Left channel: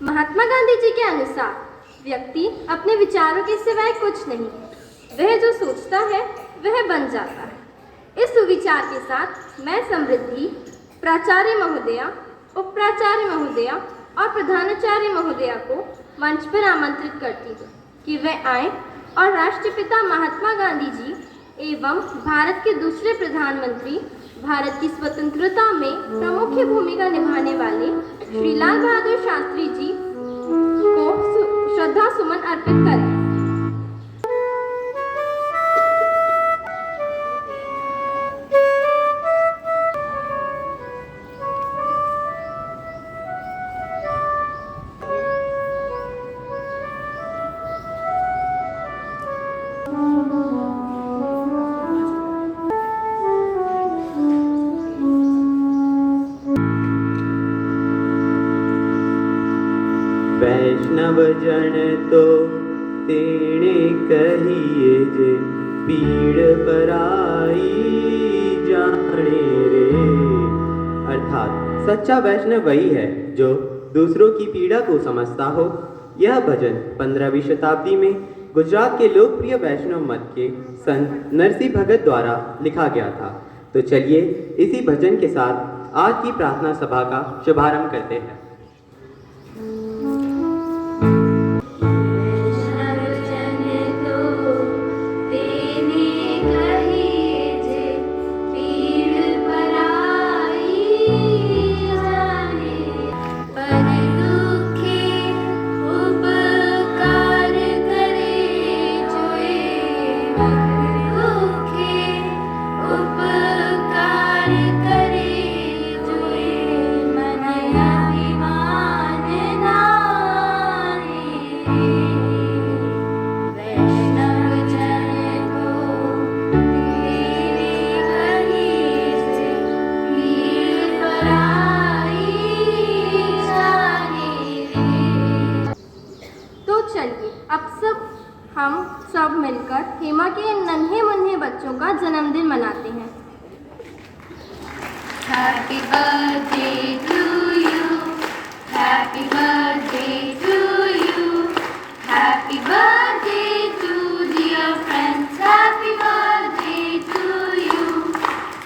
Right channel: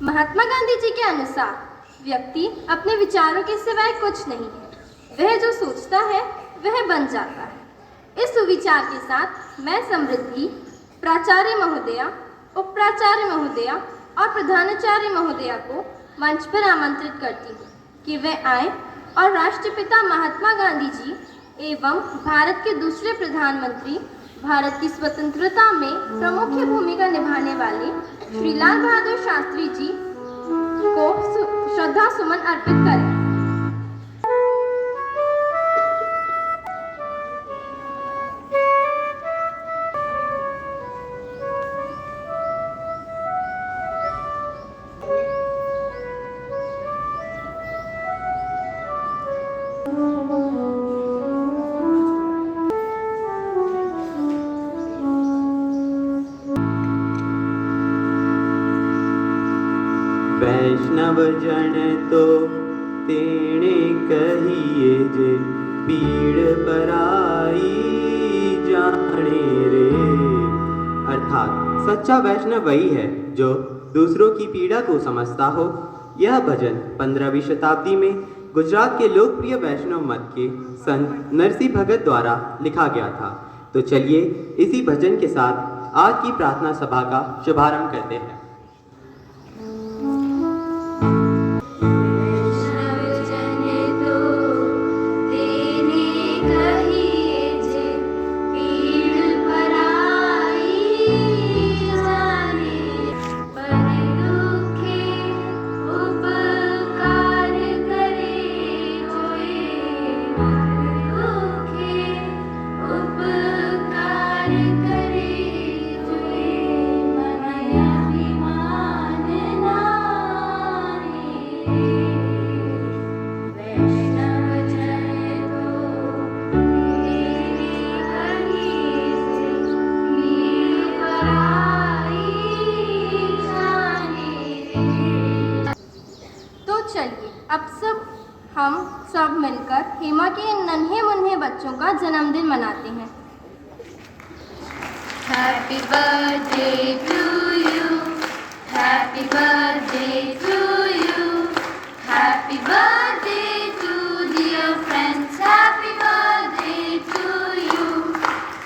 महात्मा गांधी जी के अनुसार व्यक्ति अपने विचारों के सिवाय कुछ नहीं है। वह जो सोचता है वह बन जाता है। इस सुविचार के साथ मैं समृद्धि, प्राचार्य महोदया, उप प्राचार्य महोदया और प्रधानाचार्य महोदया को मंच पर आमंत्रित करती हूँ कि वे आएं और राष्ट्रपिता महात्मा गांधी जी एवं भारत के दूसरे प्रधानमंत्री, भारत की स्वतंत्रता में प्रमुख भूमिका निभाने वाले श्री लाल बहादुर शास्त्री जी को श्रद्धा सुमन अर्पित करें। वैष्णव जन तो तेणे कहिए जे पीड़ पराई जाने रे। अर्थात सच्चा वैष्णव वही है जो दूसरों की पीड़ा को समझता हो। यह भजन 15वीं शताब्दी में गुजरात के लोकप्रिय वैष्णव मत के संत नरसिंह भगत द्वारा लिखा गया था। तो चलिए इसी भजन के साथ आज की प्रार्थना सभा का शुभारंभ करते हैं। हेमा के नन्हे मुन्ने बच्चों का जन्मदिन मनाते हैं। Happy birthday to you, happy birthday to you, happy birthday to dear friends, happy birthday to you.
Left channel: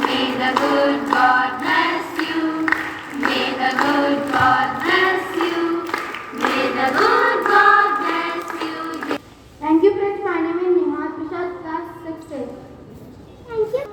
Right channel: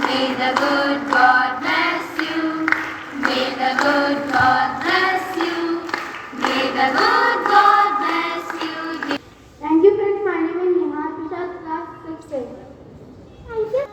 May the good God bless you, may the good God bless you, may the good God bless you. Thank you friends, my name is Neha Prasad, class 6. Thank you.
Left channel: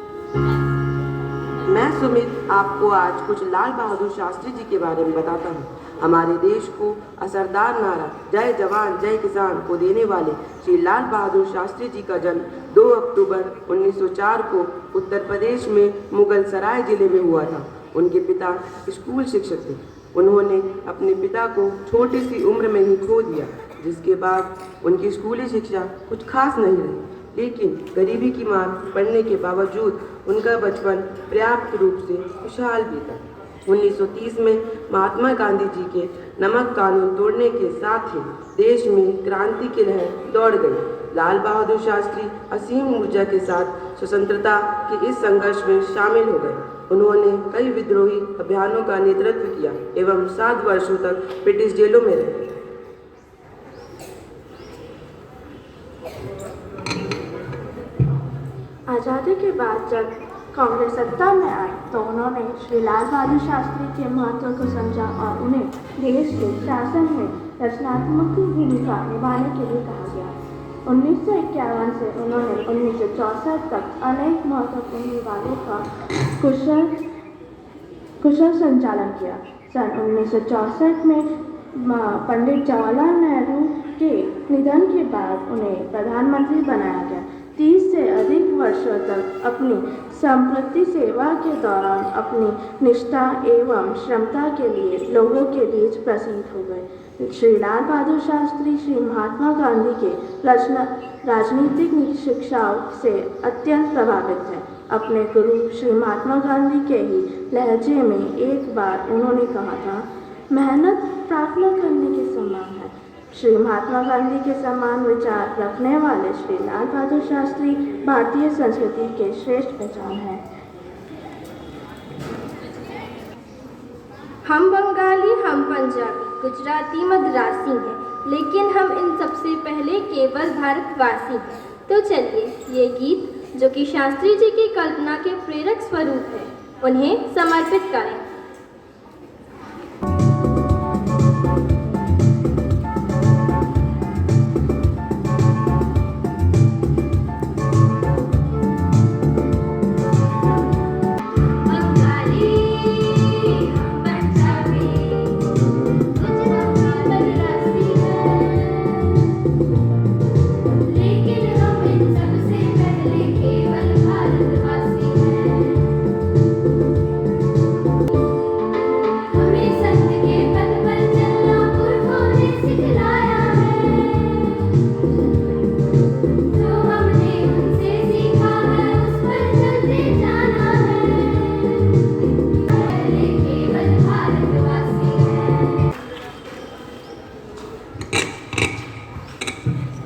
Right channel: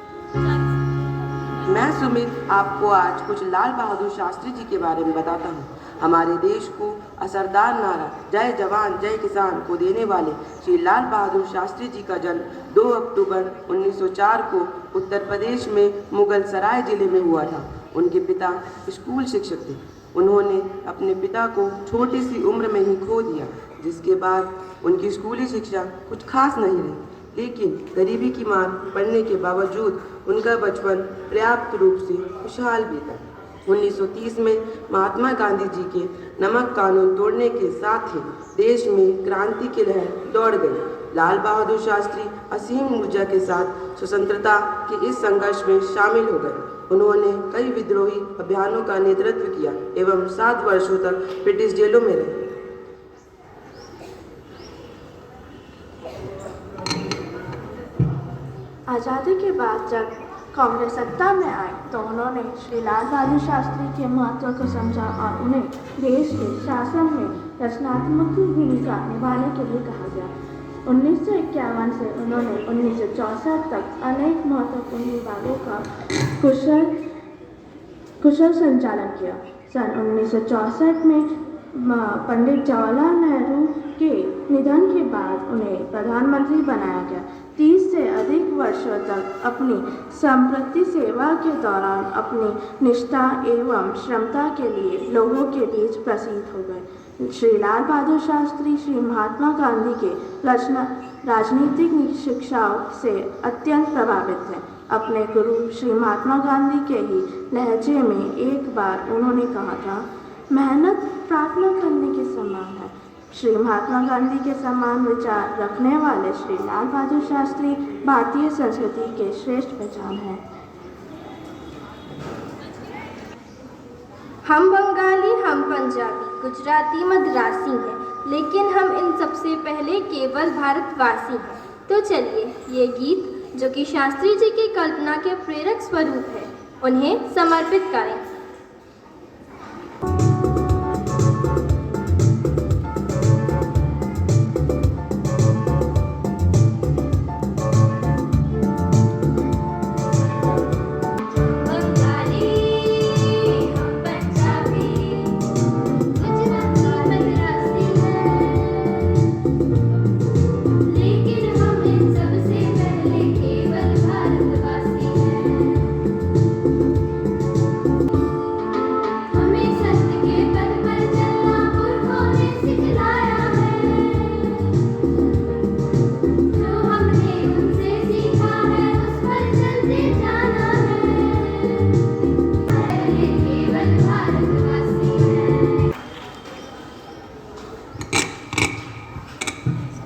मैं सुमित आपको आज कुछ लाल बहादुर शास्त्री जी के बारे में बताता हूँ। हमारे देश को असरदार नारा जय जवान जय किसान को देने वाले श्री लाल बहादुर शास्त्री जी का जन्म 2 अक्टूबर 1904 को उत्तर प्रदेश में मुगल सराय जिले में हुआ था। उनके पिता स्कूल शिक्षक थे। उन्होंने अपने पिता को छोटी सी उम्र में ही खो दिया, जिसके बाद उनकी स्कूली शिक्षा कुछ खास नहीं रही। लेकिन गरीबी की मार पड़ने के बावजूद उनका बचपन पर्याप्त रूप से खुशहाल बीता। 1930 में महात्मा गांधी जी के नमक कानून तोड़ने के साथ ही देश में क्रांति की लहर दौड़ गई। लाल बहादुर शास्त्री असीम ऊर्जा के साथ स्वतंत्रता के इस संघर्ष में शामिल हो गए। उन्होंने कई विद्रोही अभियानों का नेतृत्व किया एवं 7 वर्षों तक ब्रिटिश जेलों में रहे। आज़ादी के बाद जब कांग्रेस सत्ता में आई तो उन्होंने श्री लाल बहादुर शास्त्री के महत्व को समझा और उन्हें देश के शासन में रचनात्मक भूमिका निभाने के लिए कहा गया। 1951 से उन्होंने 1964 तक अनेक महत्वपूर्ण विभागों का कुशल संचालन किया। सन 1964 में पंडित जवाहरलाल नेहरू के निधन के बाद उन्हें प्रधानमंत्री बनाया गया। 30 से अधिक वर्षों तक अपनी संप्रति सेवा के दौरान अपनी निष्ठा एवं क्षमता के लिए लोगों के बीच प्रसिद्ध हो गए। श्री लाल बहादुर शास्त्री श्री महात्मा गांधी के राजनीतिक शिक्षाओं से अत्यंत प्रभावित थे। अपने गुरु श्री महात्मा गांधी के ही लहजे में एक बार उन्होंने कहा था, मेहनत प्रार्थना करने के समान है। श्री महात्मा गांधी के समान विचार रखने वाले श्री लाल बहादुर शास्त्री भारतीय संस्कृति के श्रेष्ठ पहचान है। हम बंगाली, हम पंजाबी, गुजराती, मद्रासी हैं, लेकिन हम इन सबसे पहले केवल भारतवासी हैं। तो चलिए ये गीत, जो कि शास्त्री जी की कल्पना के प्रेरक स्वरूप है, उन्हें समर्पित करें।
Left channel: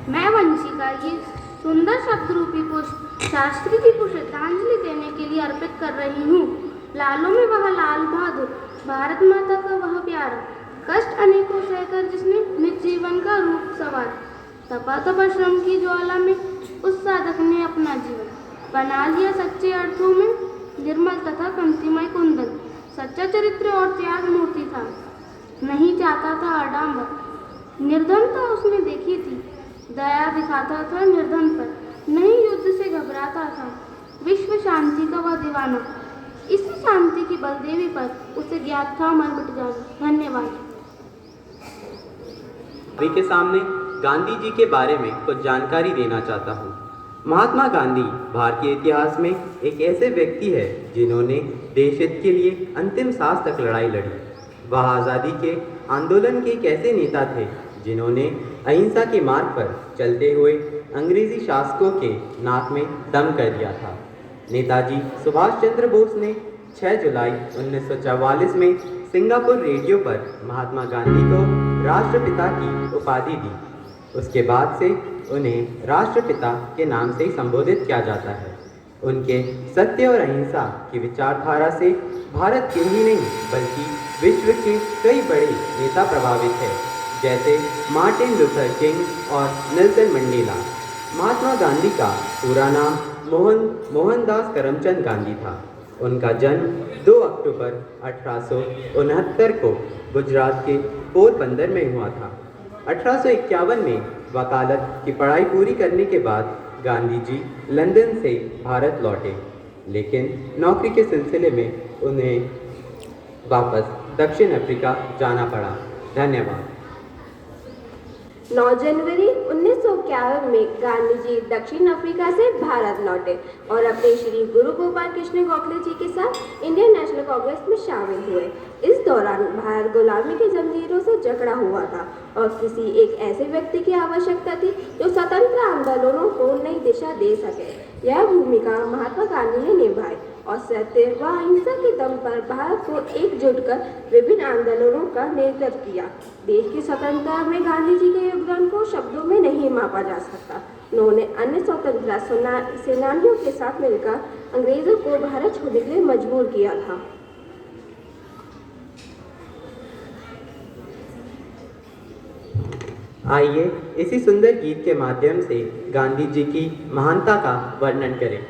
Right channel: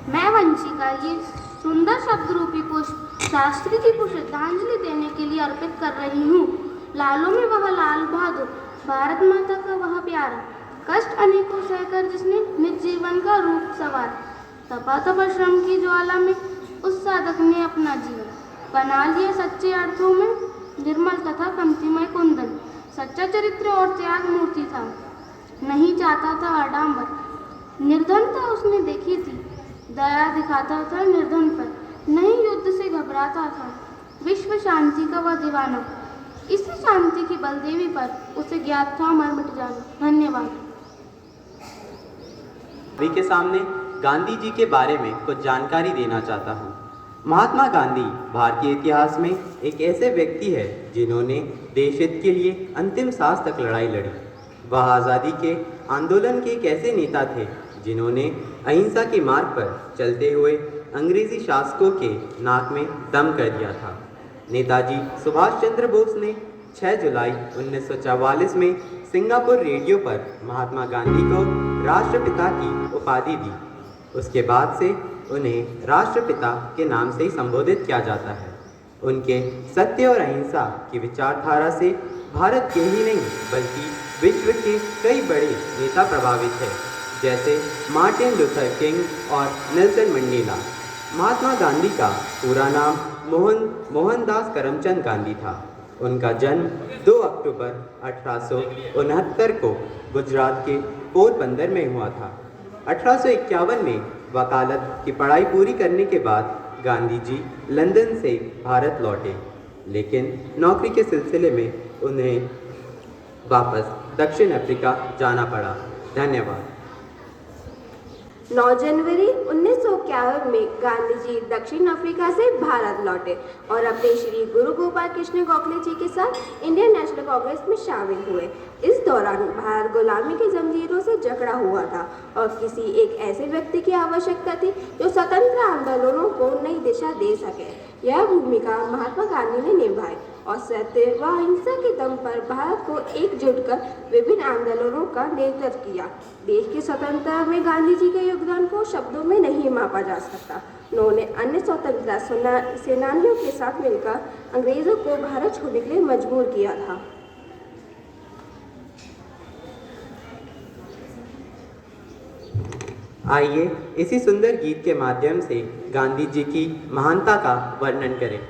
मैं वंशिका ये सुंदर शब्द रूपी कोश शास्त्री जी को श्रद्धांजलि देने के लिए अर्पित कर रही हूँ। लालों में वह लाल बहादुर, भारत माता का वह प्यार, कष्ट अनेकों सहकर जिसने निज जीवन का रूप सवार, तपा श्रम की ज्वाला में उस साधक ने अपना जीवन बना लिया सच्चे अर्थों में निर्मल तथा पंक्तिमय कुंदन। सच्चा चरित्र और त्याग मूर्ति था, नहीं चाहता था आडंबर, निर्धनता उसने देखी थी, दया दिखाता था निर्धन पर, नहीं युद्ध से घबराता था, विश्व शांति का वह दीवाना, इसी शांति की बलदेवी पर उसे ज्ञात था मर मिट जाना। धन्यवाद। सभी के सामने गांधी जी के बारे में कुछ जानकारी देना चाहता हूँ। महात्मा गांधी भारतीय इतिहास में एक ऐसे व्यक्ति है जिन्होंने देश हित के लिए अंतिम सांस तक लड़ाई लड़ी। वह आज़ादी के आंदोलन के एक ऐसे नेता थे जिन्होंने अहिंसा के मार्ग पर चलते हुए अंग्रेजी शासकों के नाक में दम कर दिया था। नेताजी सुभाष चंद्र बोस ने 6 जुलाई 1944 में सिंगापुर रेडियो पर महात्मा गांधी को राष्ट्रपिता की उपाधि दी। उसके बाद से उन्हें राष्ट्रपिता के नाम से ही संबोधित किया जाता है। उनके सत्य और अहिंसा की विचारधारा से भारत के ही नहीं बल्कि विश्व के कई बड़े नेता प्रभावित हैं, जैसे मार्टिन लूथर किंग और नेल्सन मंडेला। महात्मा गांधी का पूरा नाम मोहनदास करमचंद गांधी था। उनका जन्म 2 अक्टूबर 1869 को गुजरात के पोरबंदर में हुआ था। 1851 में वकालत की पढ़ाई पूरी करने के बाद गांधी जी लंदन से भारत लौटे, लेकिन नौकरी के सिलसिले में उन्हें वापस दक्षिण अफ्रीका जाना पड़ा। धन्यवाद। 9 जनवरी 1951 में गांधी जी दक्षिण अफ्रीका से भारत लौटे और अपने श्री गुरु गोपाल कृष्ण गोखले जी के साथ इंडियन नेशनल कांग्रेस में शामिल हुए। इस दौरान भारत गुलामी की जंजीरों से जकड़ा हुआ था और किसी एक ऐसे व्यक्ति की आवश्यकता थी जो स्वतंत्र आंदोलनों को नई दिशा दे सके। यह भूमिका महात्मा गांधी ने निभाई और सत्य व अहिंसा के दम पर भारत को एकजुट कर विभिन्न आंदोलनों का नेतृत्व किया। देश की स्वतंत्रता में गांधी जी के योगदान को शब्दों में नहीं मापा जा सकता। उन्होंने अन्य स्वतंत्रता सेनानियों के साथ मिलकर अंग्रेजों को भारत छोड़ने के लिए मजबूर किया था। आइए इसी सुंदर गीत के माध्यम से गांधी जी की महानता का वर्णन करें।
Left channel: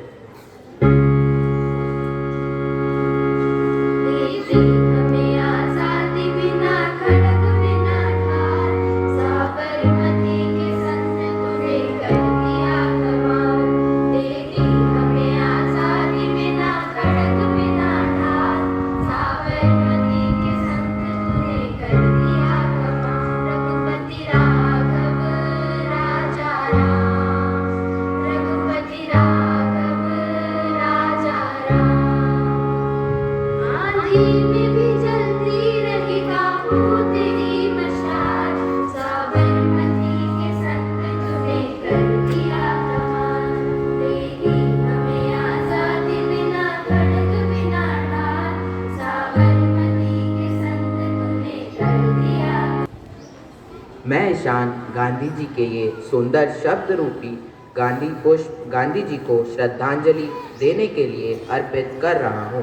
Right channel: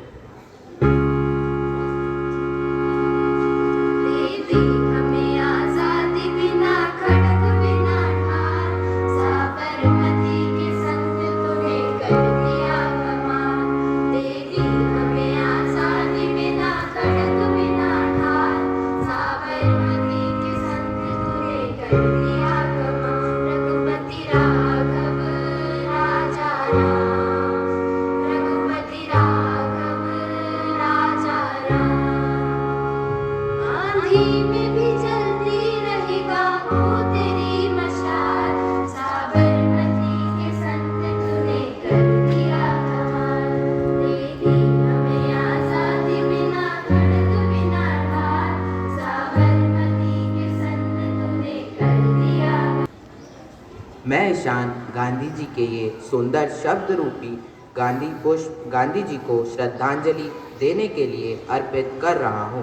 मैं ईशान गांधी जी के ये सुंदर शब्द रूपी गांधी पुष्प गांधी जी को श्रद्धांजलि देने के लिए अर्पित कर रहा हूँ।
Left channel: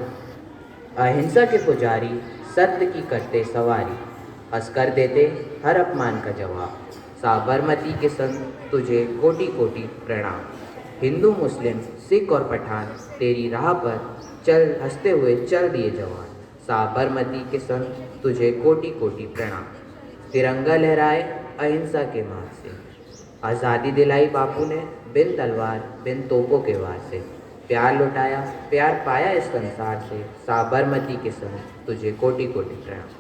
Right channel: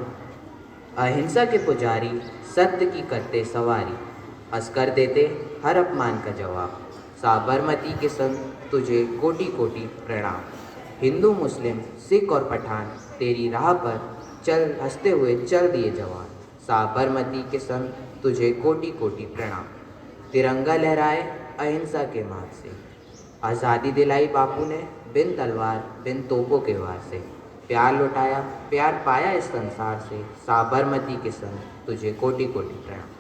अहिंसा के पुजारी, सत्य की करते सवारी, हंसकर देते हर अपमान का जवाब। साबरमती के संग तुझे कोटि कोटि प्रणाम। हिंदू मुस्लिम सिख और पठान तेरी राह पर चल हंसते हुए चल दिए जवान। साबरमती के संग तुझे कोटि कोटि प्रणाम। तिरंगा लहराए अहिंसा के मार्ग से, आज़ादी दिलाई बापू ने बिन तलवार बिन तोपों के वार से। प्यार लुटाया प्यार पाया इस संसार से, साबरमती के संग तुझे कोटि कोटि प्रणाम।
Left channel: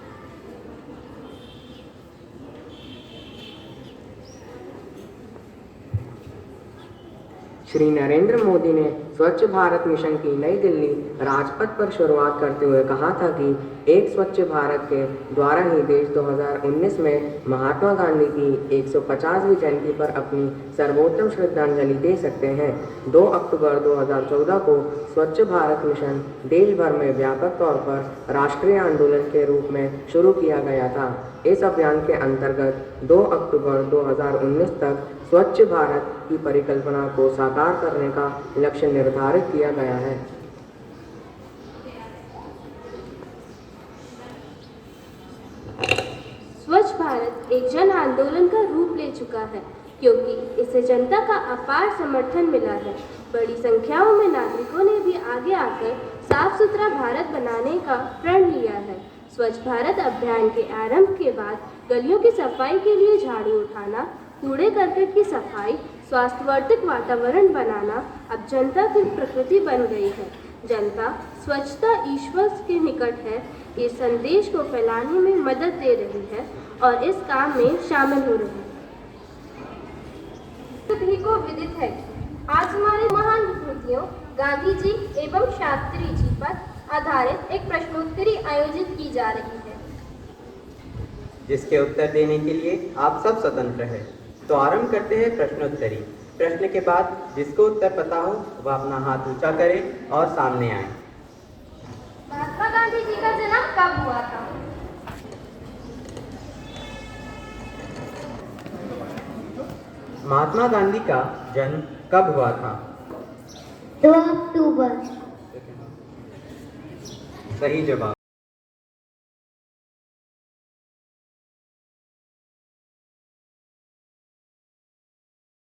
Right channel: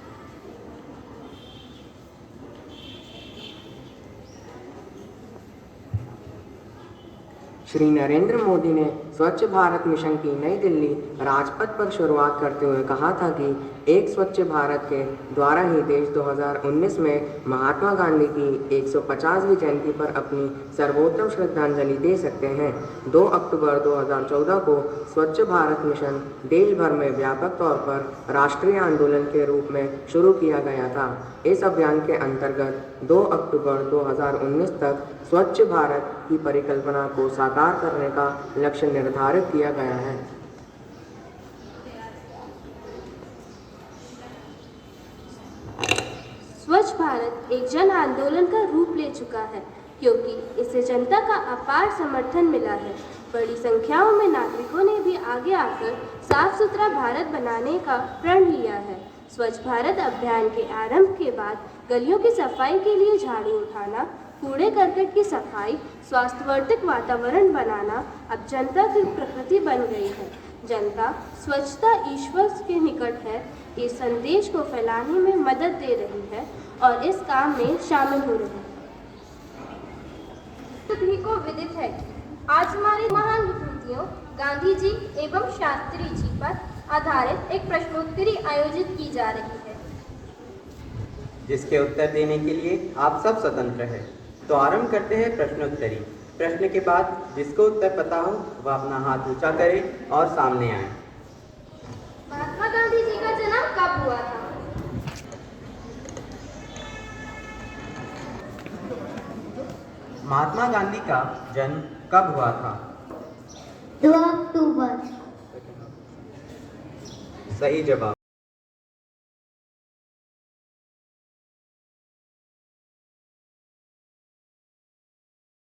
श्री नरेंद्र मोदी ने स्वच्छ भारत मिशन की नई दिल्ली राजपथ पर शुरुआत करते हुए कहा था कि एक स्वच्छ भारत के द्वारा ही देश 2019 में महात्मा गांधी की 150वीं जयंती पर अपनी सर्वोत्तम श्रद्धांजलि दे सकते हैं। 2 अक्टूबर 2014 को स्वच्छ भारत मिशन देश भर में व्यापक तौर पर राष्ट्रीय आंदोलन के रूप में शुरू किया गया था। इस अभियान के अंतर्गत 2 अक्टूबर 2019 तक स्वच्छ भारत की परिकल्पना को साकार करने का लक्ष्य निर्धारित किया गया है। स्वच्छ भारत एक जन आंदोलन का रूप ले चुका है, क्योंकि इससे जनता का अपार समर्थन मिला है। बड़ी संख्याओं में नागरिकों ने भी आगे आकर साफ सुथरा भारत बनाने का प्रण लिया है। स्वच्छ भारत अभियान के आरंभ के बाद गलियों की सफाई के लिए झाड़ू उठाना, कूड़े करकट की सफाई, स्वास्थ्यवर्धक वातावरण बनाना अब जनता की प्रकृति बन गई है। जनता स्वच्छता ईश्वर के निकट है, इस संदेश को फैलाने में मदद दे रही है और इस काम में शामिल हो रही है। सभी को विदित है कि आज हमारे महान विभूतियों गांधी जी एवं शास्त्री जी पर आधारित एक प्रश्नोत्तरी आयोजित की जा रही है, जिसके उत्तर देने के लिए आप सब स्वतंत्र हैं। तो आरंभ करते हैं प्रश्नोत्तरी। प्रश्न के बाद जिसको उत्तर पता हो वह अपना हाथ ऊंचा करे और सामने आए। महात्मा गांधी जी का जन्म कब हुआ था? महात्मा गांधी का जन्म कब हुआ था? 2 अक्टूबर। सही जवाब।